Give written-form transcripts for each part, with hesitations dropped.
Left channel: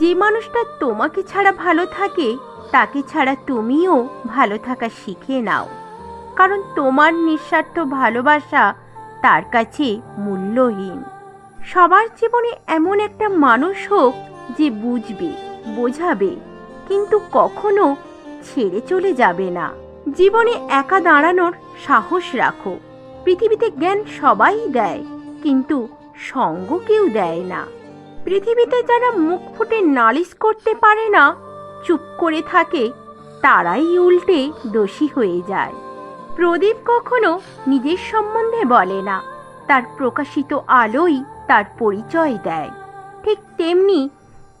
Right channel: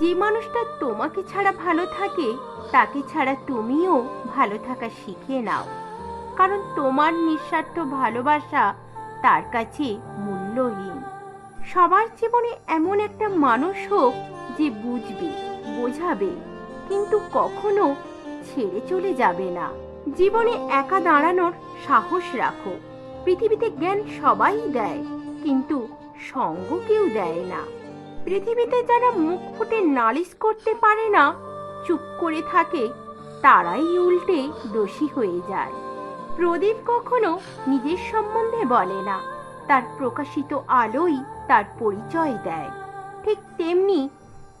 যে মানুষটা তোমাকে ছাড়া ভালো থাকে তাকে ছাড়া তুমিও ভালো থাকা শিখে নাও, কারণ তোমার নিঃস্বার্থ ভালোবাসা তার কাছে মূল্যহীন। সবার জীবনে এমন একটা মানুষ হোক যে বুঝবে, বোঝাবে, কিন্তু কখনো ছেড়ে চলে যাবে না। জীবনে একা দাঁড়ানোর সাহস রাখো। পৃথিবীতে জ্ঞান সবাই দেয়, কিন্তু সঙ্গ কেউ দেয় না। পৃথিবীতে যারা মুখ ফুটে নালিশ করতে পারে না, চুপ করে থাকে, তারাই উল্টে দোষী হয়ে যায়। প্রদীপ কখনো নিজের সম্বন্ধে বলে না, তার প্রকাশিত আলোই তার পরিচয় দেয়। ঠিক তেমনি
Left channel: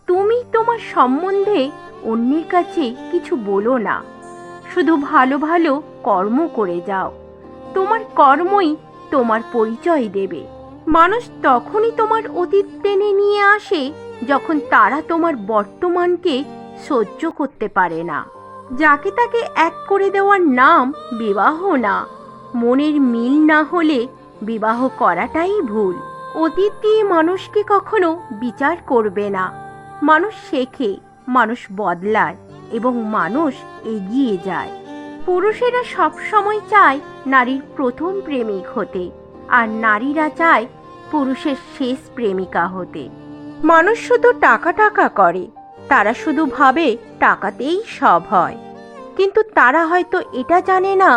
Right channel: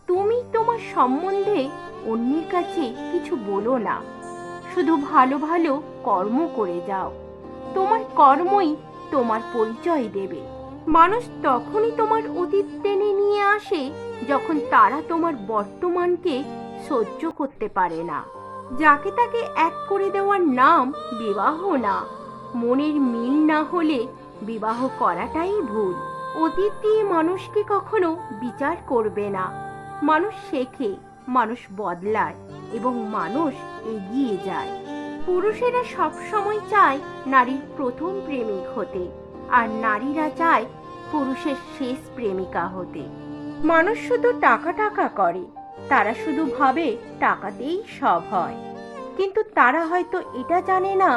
তুমি তোমার সম্বন্ধে অন্যের কাছে কিছু বলো না, শুধু ভালো ভালো কর্ম করে যাও। তোমার কর্মই তোমার পরিচয় দেবে। মানুষ তখনই তোমার অতীত টেনে নিয়ে আসে যখন তারা তোমার বর্তমানকে সহ্য করতে পারে না। যাকে তাকে এক করে দেওয়ার নাম বিবাহ না। মনের মিল না হলে বিবাহ করাটাই ভুল। অতীত দিয়ে মানুষকে কখনো বিচার করবে না। মানুষ শেখে, মানুষ বদলায় এবং মানুষ এগিয়ে যায়। পুরুষেরা সব সময় চায় নারীর প্রথম প্রেমিক হতে, আর নারীরা চায় পুরুষের শেষ প্রেমিকা হতে। মানুষ শুধু টাকা টাকা করে, তারা শুধু ভাবে টাকাতেই সব হয়, কিন্তু তারা হয়তো এটা জানে না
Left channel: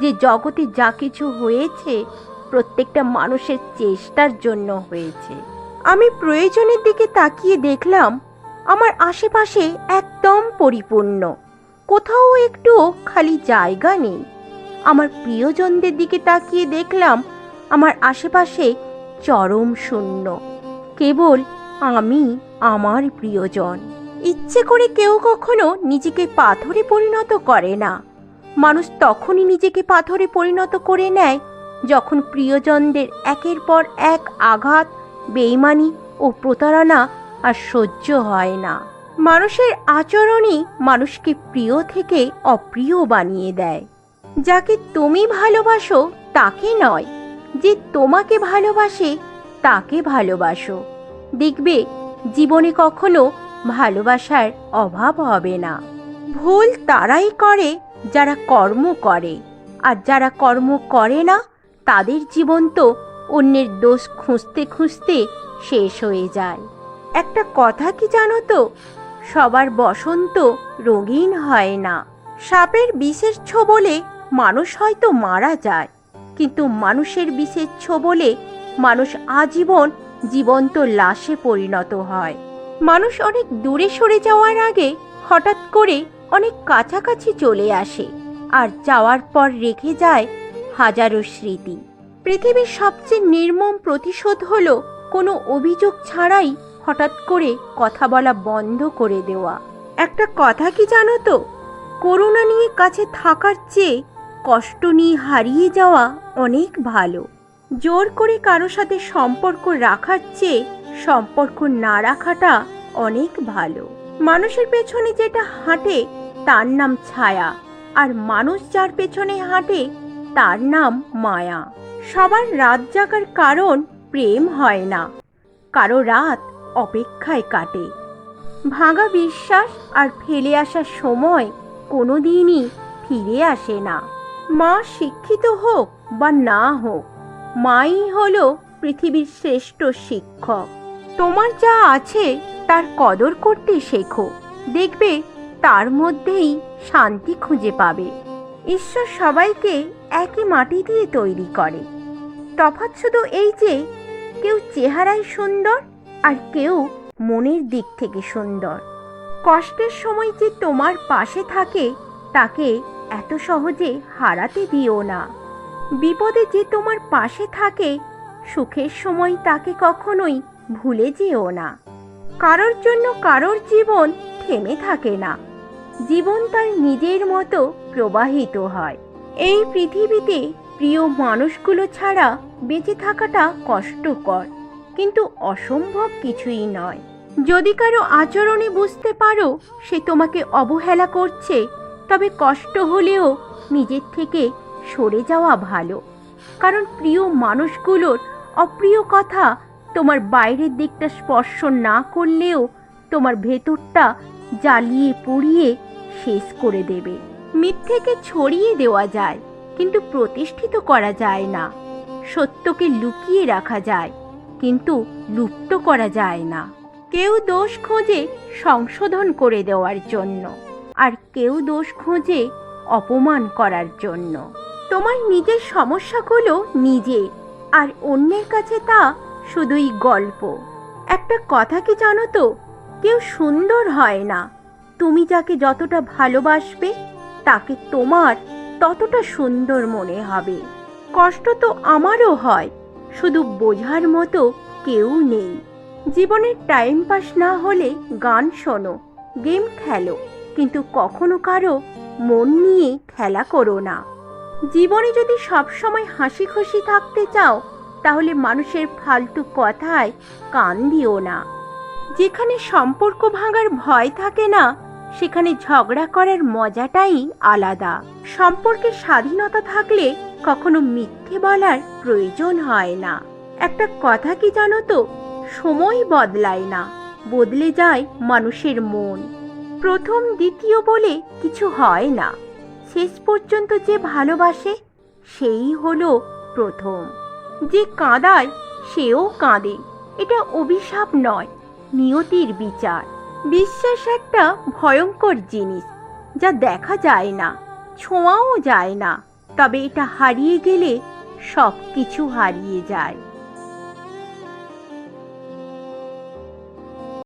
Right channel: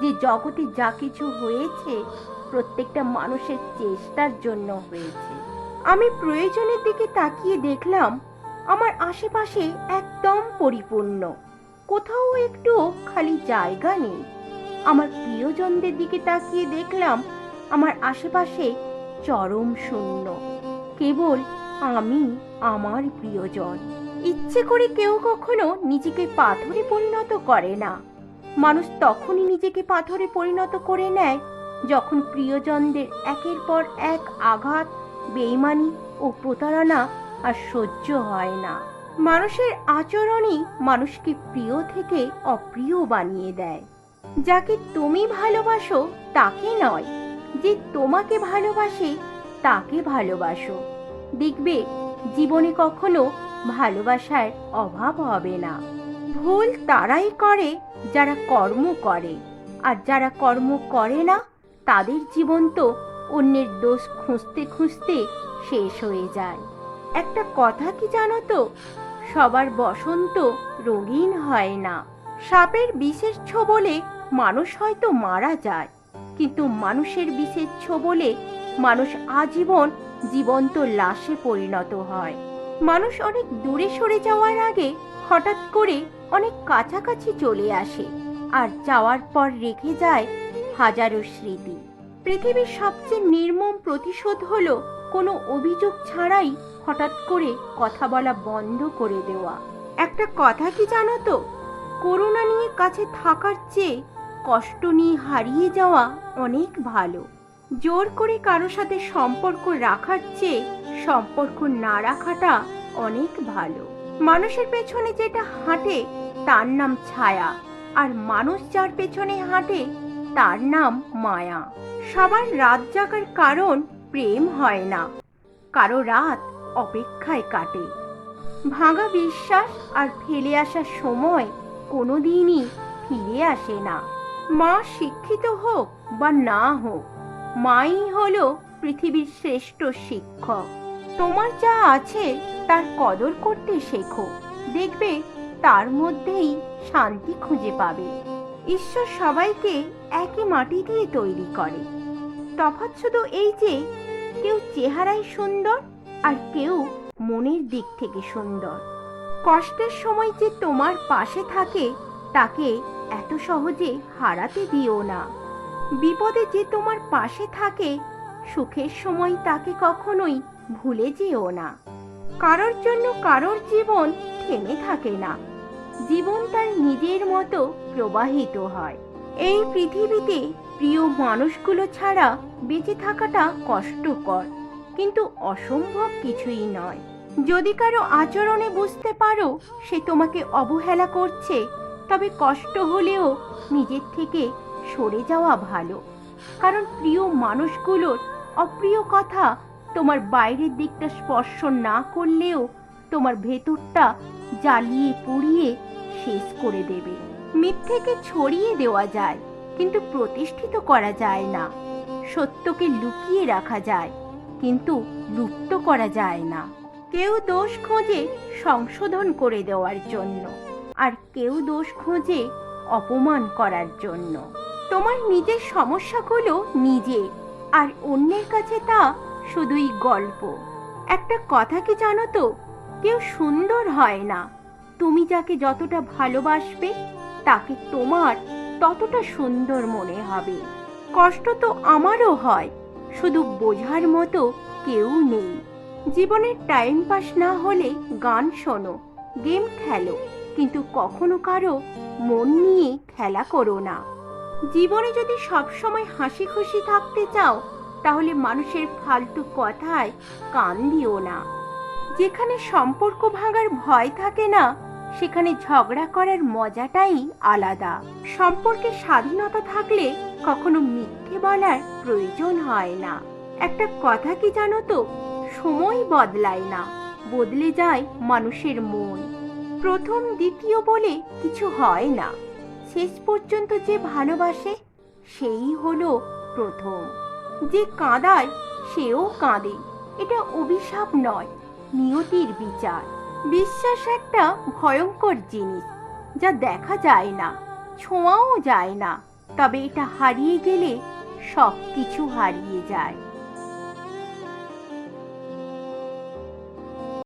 যে জগতে যা কিছু হয়েছে প্রত্যেকটা মানুষের চেষ্টার জন্য হয়েছে। আমি প্রয়োজনের দিকে তাকিয়ে দেখলাম আমার আশেপাশে একদম পরিপূর্ণ, কোথাও একটুও খালি জায়গা নেই। আমার প্রিয়জনদের দিকে তাকিয়ে দেখলাম আমার আশেপাশে চরম শূন্য, কেবল আমি, আমার প্রিয়জন। ইচ্ছে করে কেউ কখনো নিজেকে পাথরে পরিণত করে না। মানুষ তখনই নিজেকে পাথরে পরিণত করে নেয় যখন প্রিয়জনদের একের পর এক আঘাত, বেইমানি ও প্রতারণা আর সহ্য হয় না। মানুষের আচরণই মানুষকে প্রিয় থেকে অপ্রিয় বানিয়ে দেয়। যাকে তুমি ভালোবাসো তাকে নয়, যে তোমাকে ভালোবাসে তাকে ভালোবাসো। দেখবে জীবনে কখনো ভালোবাসার অভাব হবে না। ভুল তারাই করে যারা কর্ম করে, আর যারা কর্ম করে না তাদের জীবন তো অন্যের দোষ খুঁজতে খুঁজতে শেষ হয়ে যায়। একটা কথা কি জানো তো, সবার বসন্ত রঙিন হয় না। সাপের বিষের ছোবলে মানুষ হয়তো মারা যায়, কিন্তু মানুষের বিষের ছোবলে মানুষ আজীবন জীবন্ত লাশে পরিণত হয়। মানুষ অনেক দূরে সরে যাওয়ার আগে হঠাৎ করে অনেক কাছাকাছি চলে আসে, আর যাওয়ার পর রেখে যায় হাজারো স্মৃতি। পৃথিবীর সবচেয়ে নির্মম প্রতিশোধ হলো কোনো অভিযোগ ছাড়াই হঠাৎ করে কথা বলা বন্ধ করে দেওয়া। একটা কথা কি জানো তো, করুণা নিয়ে কাছে থাকার চেয়ে কষ্ট নিয়ে হারিয়ে যাওয়া অনেক ভালো। জোর করে কারো সাথে সম্পর্ক রাখার চেয়ে সম্পর্ক না রাখাটা অনেক ভালো। মানুষের পেছনে যেটা হাঁটে তার নাম ছায়া, আর মানুষ যার পেছনে হাঁটে তার নাম মায়া। সবার রাত জাগার কারণ প্রেম হয় না, কারো রাত অপেক্ষায় কাটে। ভাঙা বিশ্বাস আর ফেলে আসা সময় কোনোদিনই ফিরে আসে না। মা শিক্ষিত হোক বা না হোক, মাই হলো পৃথিবীর শ্রেষ্ঠ শিক্ষক। তোমার যা আছে তার কদর করতে শেখো, দেখবে তার মধ্যেই শান্তি খুঁজে পাবে। ঈশ্বর সবাইকে একই মাটি দিয়ে তৈরি করে, তফাৎ শুধু এই যে কেউ চেহারায় সুন্দর আর কেউ মনের দিক থেকে সুন্দর। কষ্টের সময় যে তোমার পাশে থাকে তাকে এত সহজে হারাতে দিও না। বিপদে যে তোমার পাশে থাকে সুখের সময় তাকে কখনোই ভুলে যেও না। কারোর জন্য কারোর জীবন থেমে থাকে না, জীবন তার নিজের মতো প্রবাহিত হয়। এই পৃথিবীতে প্রিয় মানুষগুলো ছাড়া বেঁচে থাকাটা কষ্টকর, কিন্তু অসম্ভব কিছুই নয়। যদি কারো আচরণে বুঝতে পারো সে তোমাকে অবহেলা করছে, তবে কষ্ট হলেও নিজের থেকে সরে যাওয়া ভালো। কারণ প্রিয় মানুষগুলোর অপ্রিয় কথা তোমার বাইরের দিকটা স্পর্শ না করলেও তোমার ভেতরটা জ্বালিয়ে পুড়িয়ে শেষ করে দেবে। মিথ্যেকে ছড়িয়ে দেওয়া যায়, কিন্তু প্রতিষ্ঠিত করা যায় না। সত্যকে লুকিয়ে রাখা যায়, কিন্তু লুপ্ত করা যায় না। কেউ দোষ খোঁজে সংশোধন করে দেওয়ার জন্য, আর কেউ দোষ খোঁজে অপমান করার জন্য। তোমার নিজের সমস্যাগুলো নিজে, আর অন্যের কাছে তা শুধুই গল্প। একটা কথা কি জানো তো, কেউ সুন্দর হয় না। তুমি যাকে যতটা ভালোবাসবে তাকে তোমার ততটা সুন্দর মনে হবে। কষ্ট তো আমারও হয়, শুধু বোঝার মতো কেউ নেই। জীবনের টাইম পাস না হলে গান শোনো, গেম খেলো, কিন্তু কখনো কারো মন নিয়ে খেলা করো না। জীবনে যদি সবসময় হাসি খুশি থাকতে চাও, তাহলে মানুষের ফালতু কথায় কান দিও না। যেখানে সম্পর্ক ভাঙার ভয় থাকে না, সেখানে ঝগড়া করার মজাটাই আলাদা। সম্পর্কে স্বাধীনতা থাকলে কখনো মিথ্যে বলার প্রয়োজন হয় না। একটা কথা কি জানো তো, সময় বদলায় না, বদলে যায় মানুষের মন। প্রথম দ্বিতীয় বলে কিছু হয় না। শেষ পর্যন্ত যে ভালোবাসে সেই হলো প্রথম। যে কাঁদায় সেও কাঁদে, এটা অভিশাপ নয়, নিয়তির বিচার। বিশ্বাস একটা ভয়ঙ্কর জিনিস, যা দেখা যায় না, ছোঁয়াও যায় না, তবে এটা হারিয়ে গেলে সব কিছু হারিয়ে যায়।